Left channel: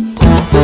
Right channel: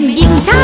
เลยนะนี่ถ้าเติ้นเป็นหญิงชาติเป็นชาย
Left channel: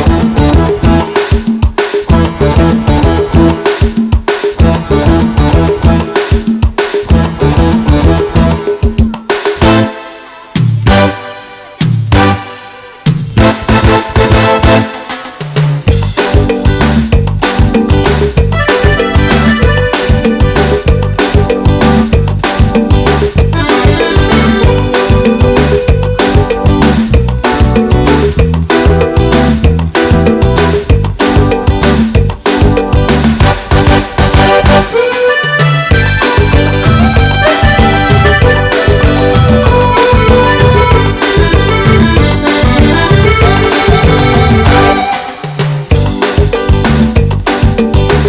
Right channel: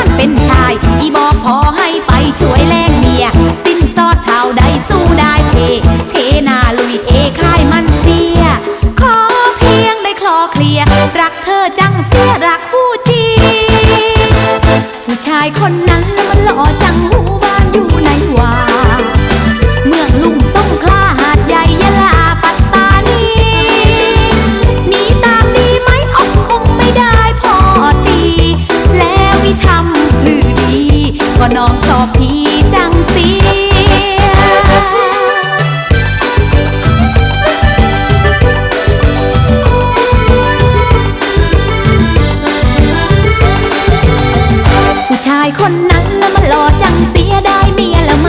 คนนั้นมัหล่อจังเสียดาเมียละไม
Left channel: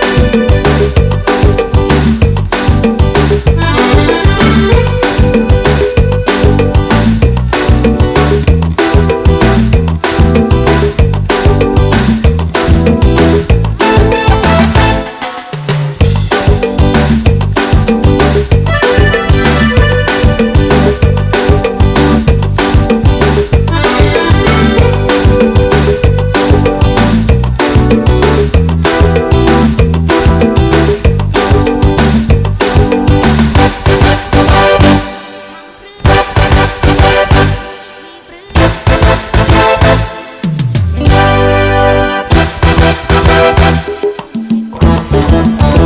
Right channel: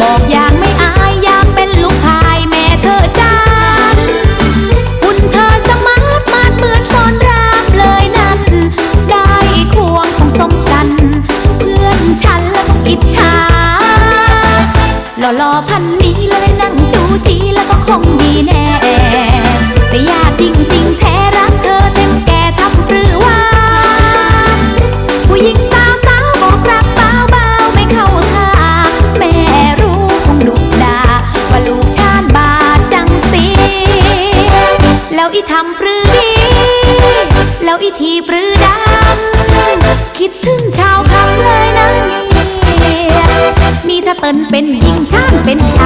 บอกอย่างไม่อายยากเป็นลูกชายแม่เธอจ้าคุณเธอสมาร์ทมาดเหมือนสอนรามเลยนั่นได้ควงของสมกันเพื่อฉันแล้กิจฉาหล่อๆพันนี้เลยนั่งจูจีแล้วก็คงดีแน่ ที่ปรือดาคิดถึงชาวเขาเลยนะ มีถ้าเตินเป็นหญิงช่างเป็นชา